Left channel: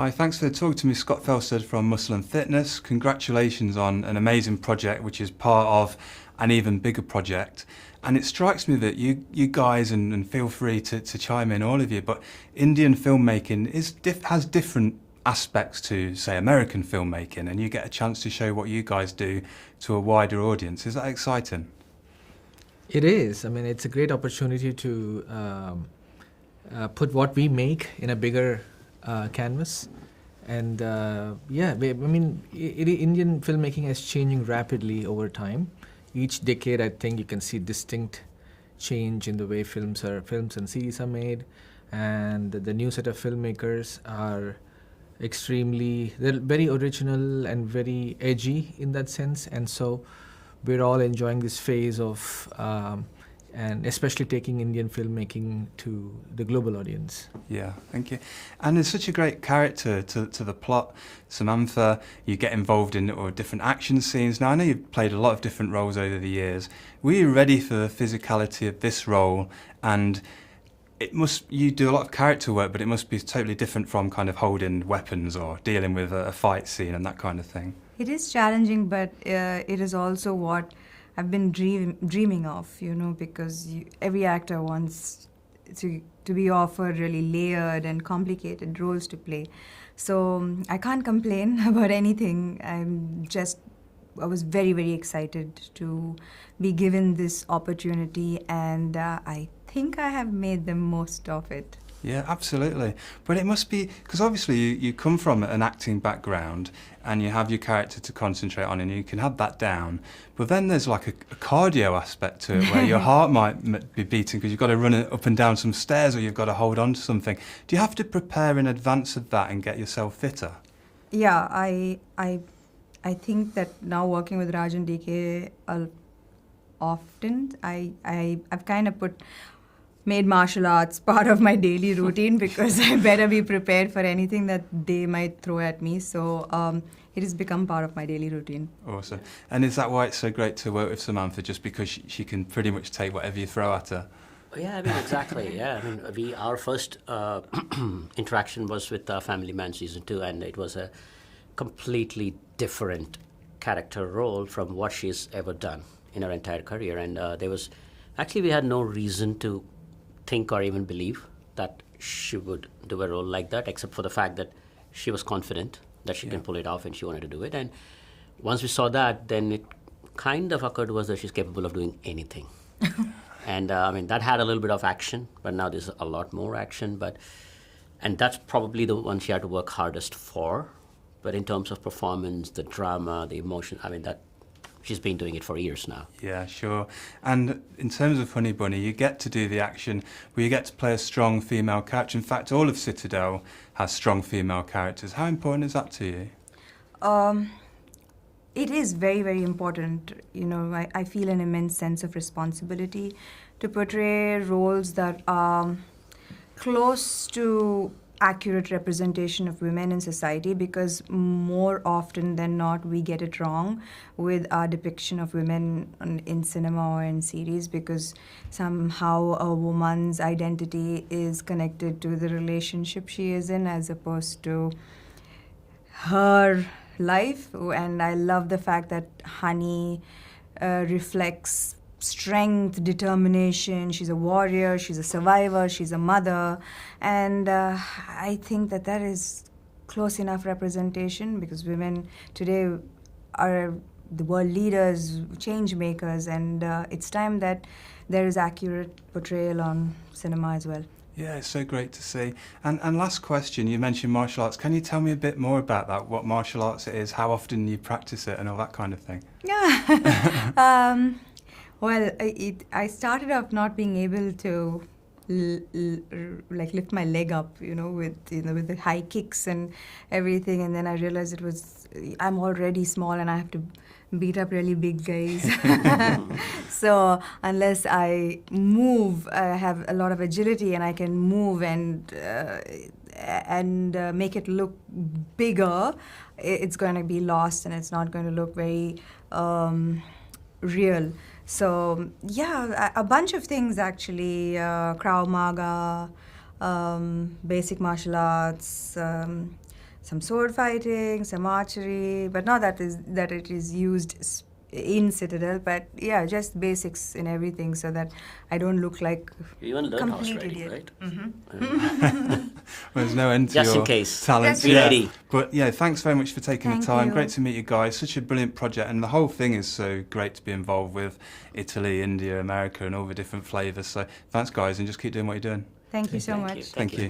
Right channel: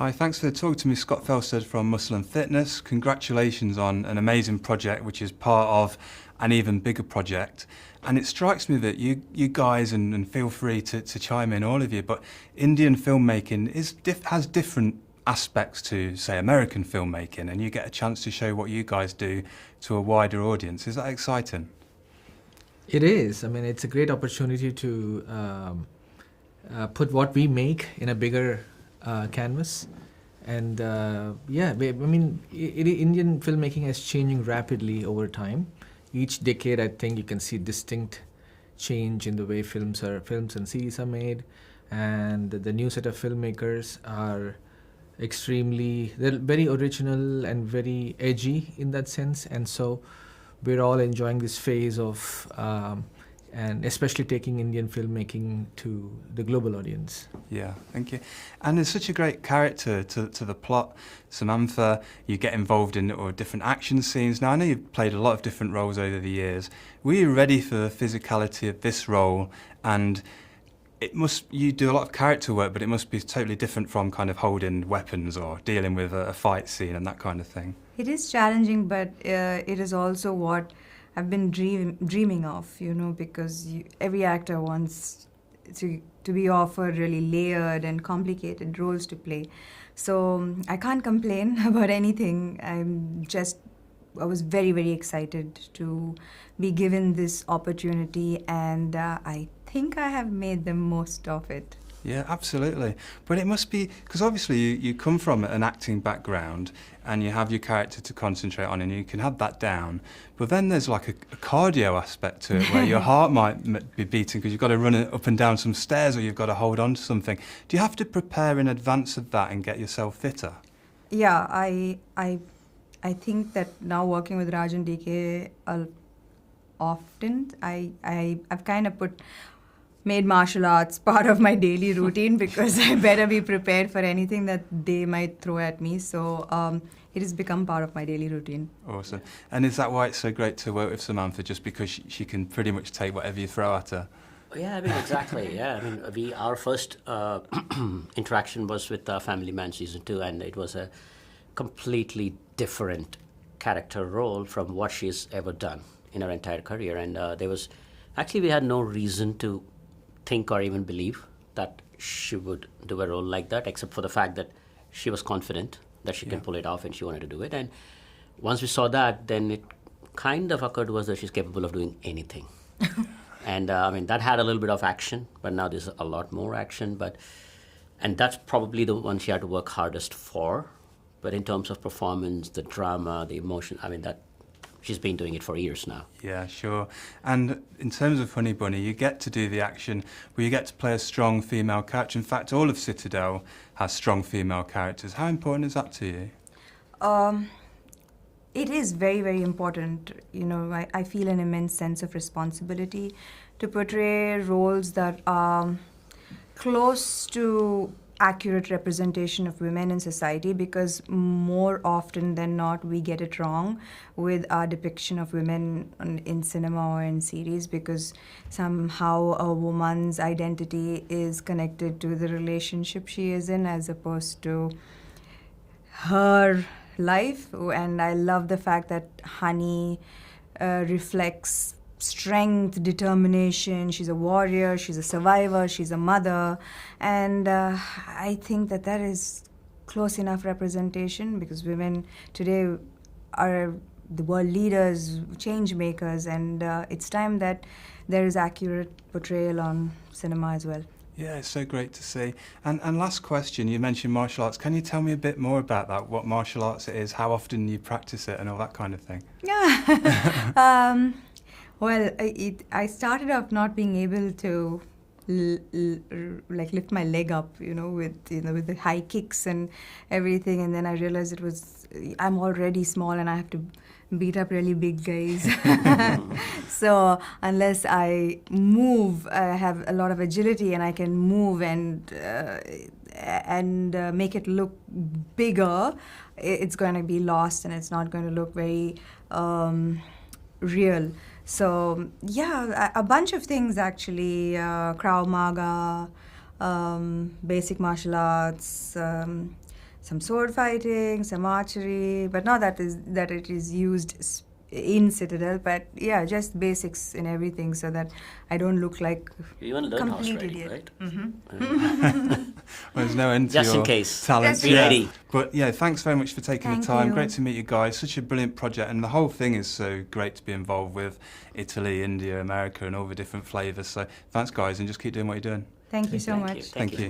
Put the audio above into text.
Hi, thanks for talking to me, Scott Felstead from Muscle and Fitness. Congratulations on an amazing project, which is part of an even bigger project. And it strikes me that you guys, and feel free to chime in, all of you, but Indian filmmaking has different aspects to, say, American filmmaking, and you get a chance to show what you guys do to a wider audience. Is that exciting? It is. I mean, it's a great opportunity to put what we make in a bigger canvas. And Indian filmmaking is changing rapidly over time. Each decade, I think you can see distinct change in the way films and series are made. And the new set of filmmakers are they're very original and very edgy in that sense. And so we're all enjoying this phase of and especially taking Indian filmmaking to the global audience. Yeah, thank you. And it's such a great character to the plot. Samantha, you get involved in different action scenes. Now, I know you've played a lot of different roles over the years. Were you ready for the physicality of this role? And you do a lot of character work, but it must be totally different from kind of holding weapons or dealing with a fight scene and that kind of thing. It is challenging, but it is also what I've been dreaming of, because every actor wants to be offered really layered and complicated roles to play. So I can't complain about anything. I was very, very excited to be given this opportunity, and I think I have made the most of it. Yeah, absolutely. But it must be, because obviously you come from an acting background and you have your character to concentrate on and you can have that down. But then there's like a cardio aspect to it where your heart might be beating because you've got to run it up and down some stairs or you've got to hold on to something. Do you have to prepare in advance of that and get yourself fitter? Yeah, I think that now working with Raj and DK often, I've kind of made martial arts part of my daily routine because I better be prepared for anything that they might throw at me. So it has become part of my daily routine. Awesome. And is that why it's so great to work with Samantha, just because she can pretty much take whatever you throw at her? Yeah, I mean, exactly. Yeah, I mean, our first interaction was with Family Man Season 2, and it was a completely different character role from what she's ever done in her entire career. And we had no reason to think or even believe that she would do a role like that, except for the fact that she was confident that she can pull it off and she wanted to do it. And once we saw that, then it kind of occurred to us that she's capable of doing anything. And that had a little bit of action, but now there's a lot more action. And that's probably the one she had to work hardest for. But in terms of performance, the drama, the emotion, she's been doing it for years now. Yeah, sure. And in terms of Honey Bunny, you get to do the action where you get to play a strong female character. In fact, all of Citadel has strong female characters. How important is that to you? It is very, very important. I feel an immense sense of responsibility to portray roles that are close to accurate representation of women in society, because more often than not we get it wrong with our depiction of women in cinema or in series, because somehow a woman's identity is connected to the relationship she is in as opposed to her life. And I love the fact that Honey reflects strength, determination. She's a warrior, she's a survivor, she's a mother, and I think that is close enough representation, because women today are the world leaders, change makers, and it's time that there is accurate portrayal on cinema as well. Yeah, it's so great to see. And last question, you mentioned martial arts. Can you tell me a bit more about that, what martial arts it is, how often you practice it and all that kind of thing? Yeah. Well, I started off not being able to lift my leg up, with the high kicks and everything, and then I realized I'm already small and I have to beat up really big guys. So unless I move, I have a lot of agility and I can move and make it look bigger, it's going to be lost and it's not going to look very real. So yeah, a bunch of things actually, Krav Maga, basic martial arts, some sword fighting, some archery, but not that it is used in Citadel, but yeah, just basics in everything so that I don't look like You even learned horse complete riding, idiot. right? Well, there's no end to Just in your case. talents. Just in Yeah. case. But yeah, thanks very much for taking Thank the time. you. Great to meet you guys. Such a brilliant project, and the whole thing is so great to be involved with. Italy, India, America, and all the different flavours. So thanks, guys, and just keep doing what you're doing. Thank you so Thank much. you. Thank you.